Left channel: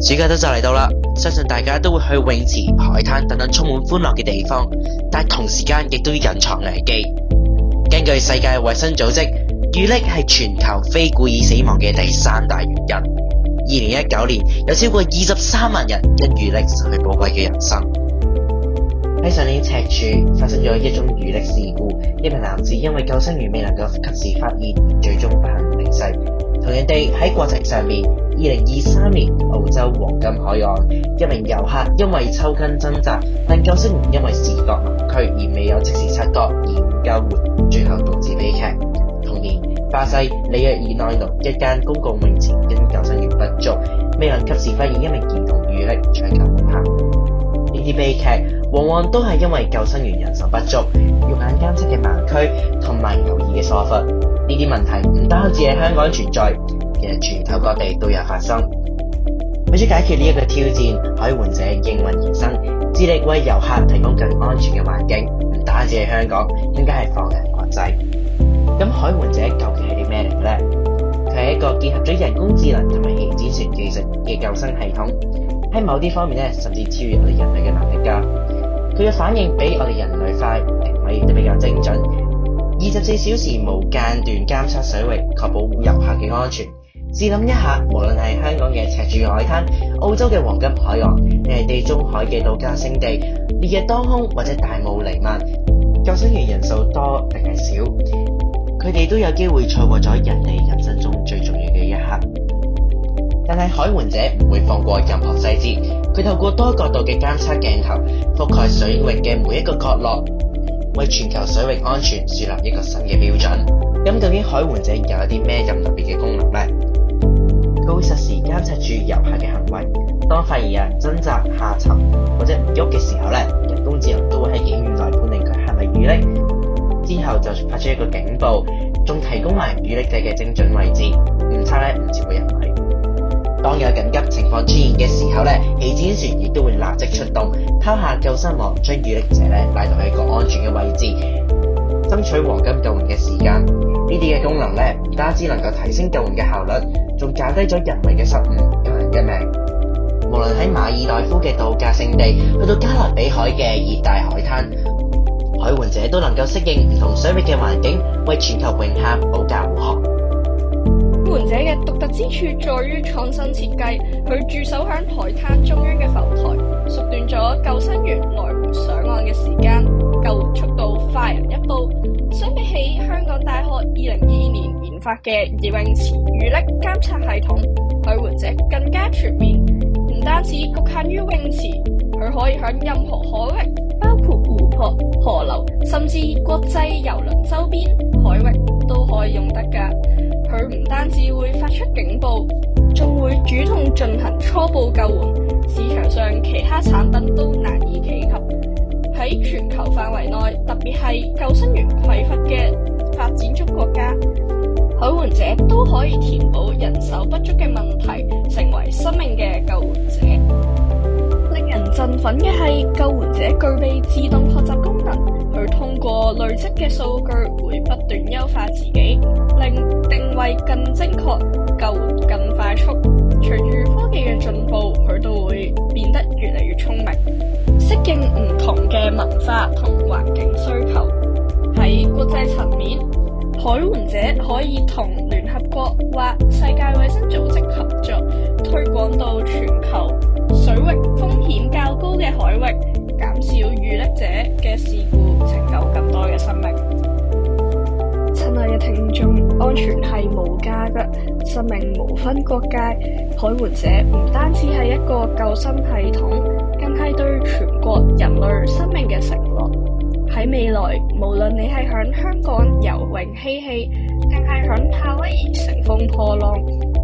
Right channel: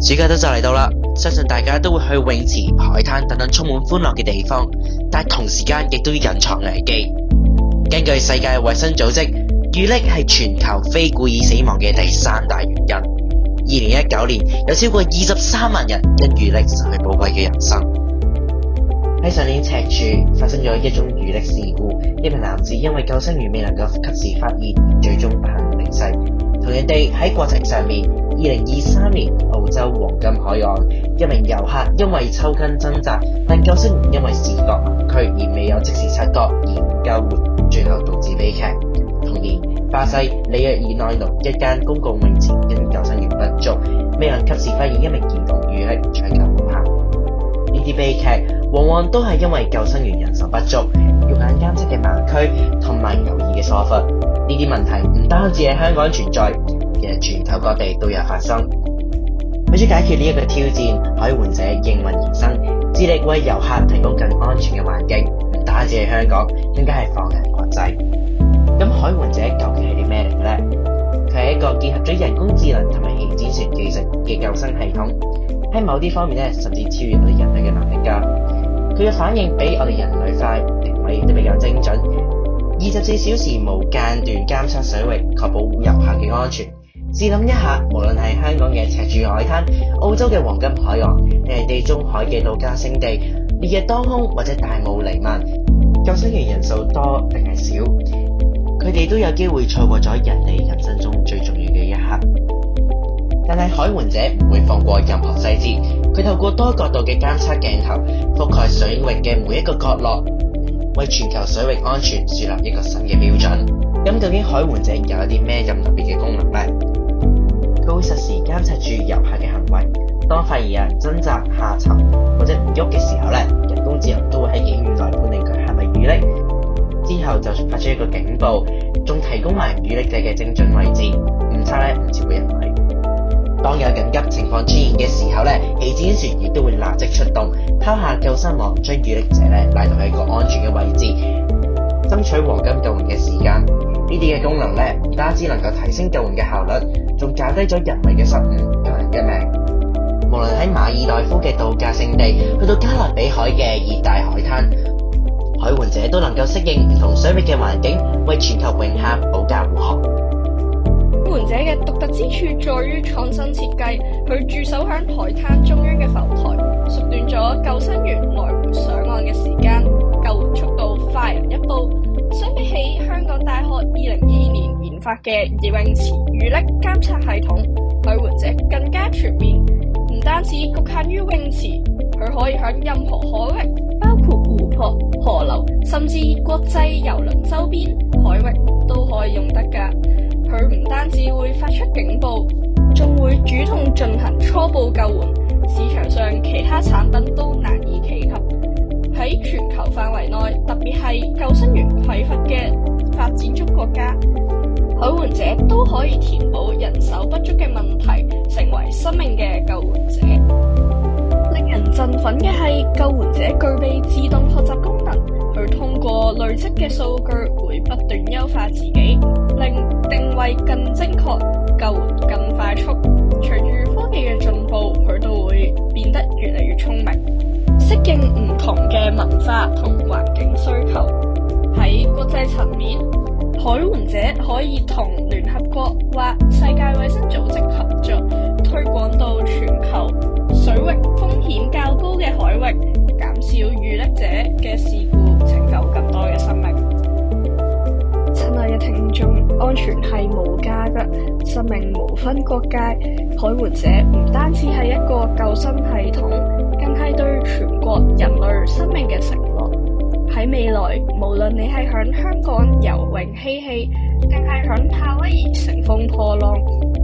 暑假都就嚟到啦，相信大家都會去泳池、海灘等等充滿歡樂嘅地方，但同時間亦都要隱藏危機。根據世界衛生組織，遇溺係全球非故意死亡嘅第3大原因。2019年有超過23萬人因遇溺失去寶貴嘅人生。喺上年赤柱發生咗一宗遇溺事故，一名男子因為救生員未能夠及時發現，最終不幸離世。同樣地，喺國際上面，2023年澳洲黃金海岸一名遊客因為抽筋掙扎，但救生員因為視覺盲區而未有即時察覺而唔救援，最後導致悲劇。同年，巴西里約爾內盧一間公共泳池因救生員不足，未能及時發現一名兒童遇溺，搶救無效。呢啲悲劇往往都係因為救生員人手不足、肉眼監測嘅盲區同埋有意嘅疏忽。呢啲問題唔單止喺香港存在，其實全球各地都有發生。為咗解決呢一個挑戰，海援者應運而生，致力為遊客提供更安全嘅環境。唔單止係香港，更加係放眼國際。咁海援者究竟係啲咩嚟嘅呢？佢係一個結合咗人工智能同埋氣展船技術嘅救生系統，喺某啲方面咧，甚至超越我哋人類嘅能力㗎。佢嘅反應比我哋人類快，定位亦都比較精準。24小時無間斷監測水域，確保遊客嘅安全。試諗一下，無論係香港嘅赤柱海灘、澳洲嘅黃金海岸，定係地中海嘅度假勝地，烈日當空或者大霧彌漫，救生員人數多定係少，佢哋都有機會錯過咗人哋人生中最重要嘅一刻。但係海援者唔會放過任何細節，佢透過多角度嘅監測鏡頭，覆蓋水域嘅每一個角落，為全球水域安全樹立一個新嘅標準。咁究竟海援者有一啲咩咁特別嘅功能呢？佢會實時監察住遊客嘅行為，當發現有人掙扎下沉或者唔喐嘅時候，人工智能都會喺幾秒內判定佢係咪遇溺，之後就發出一個警報，仲提供埋遇溺者嘅精準位置，誤差唔超過1米。當有緊急情況出現嘅時候，氣展船亦都會立即出動，拋下救生網，將遇溺者拉到喺一個安全嘅位置，爭取黃金救援嘅時間。呢啲嘅功能唔單止能夠提升救援嘅效率，仲減低咗人為嘅失誤，救人一命。無論喺馬爾代夫嘅度假勝地，去到加勒比海嘅熱帶海灘，海援者都能夠適應唔同水域嘅環境，為全球泳客保駕護航。海援者嘅獨特之處在於創新設計，佢駐守響海灘中央嘅浮台，縮短咗救生員來回上岸嘅時間，救援速度快人一步。相比起香港大學2022年研發嘅泳池遇溺監測系統，海援者更加全面，唔單止局限於泳池，佢可以響任何海域，包括湖泊、河流，甚至國際郵輪周邊海域都可以用得㗎。佢唔單止會發出警報，仲會主動進行初步救援，市場上其他產品都難以企及。喺全球範圍內，特別係救生員匱乏嘅發展中國家，海援者都可以填補人手不足嘅問題，成為生命嘅救援者。令人振奮嘅係，救援者具備自動學習功能，佢通過累積嘅數據會不斷優化自己，令定位更精確，救援更快速。隨住科技嘅進步，佢都會變得越嚟越聰明，適應唔同嘅文化同環境需求。喺國際層面，海援者可以同聯合國或世界衛生組織合作，推廣到全球水域風險較高嘅海域，減少遇溺者嘅事故，拯救更多嘅生命。親愛嘅聽眾，安全係無價嘅，生命無分國界。海援者唔單止係一個救生系統，更係對全國人類生命嘅承諾。喺未來，無論你係響香港游泳嬉戲，定係響夏威夷乘風破浪，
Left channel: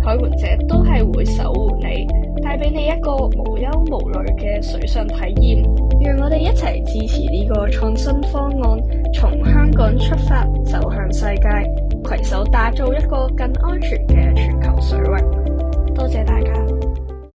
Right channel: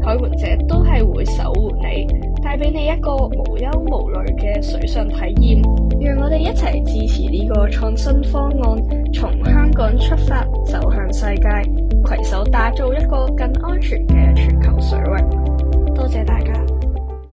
海援者都係會守護你，帶俾你一個無憂無慮嘅水上體驗。讓我哋一齊支持呢個創新方案，從香港出發，走向世界，攜手打造一個更安全嘅全球水域。多謝大家。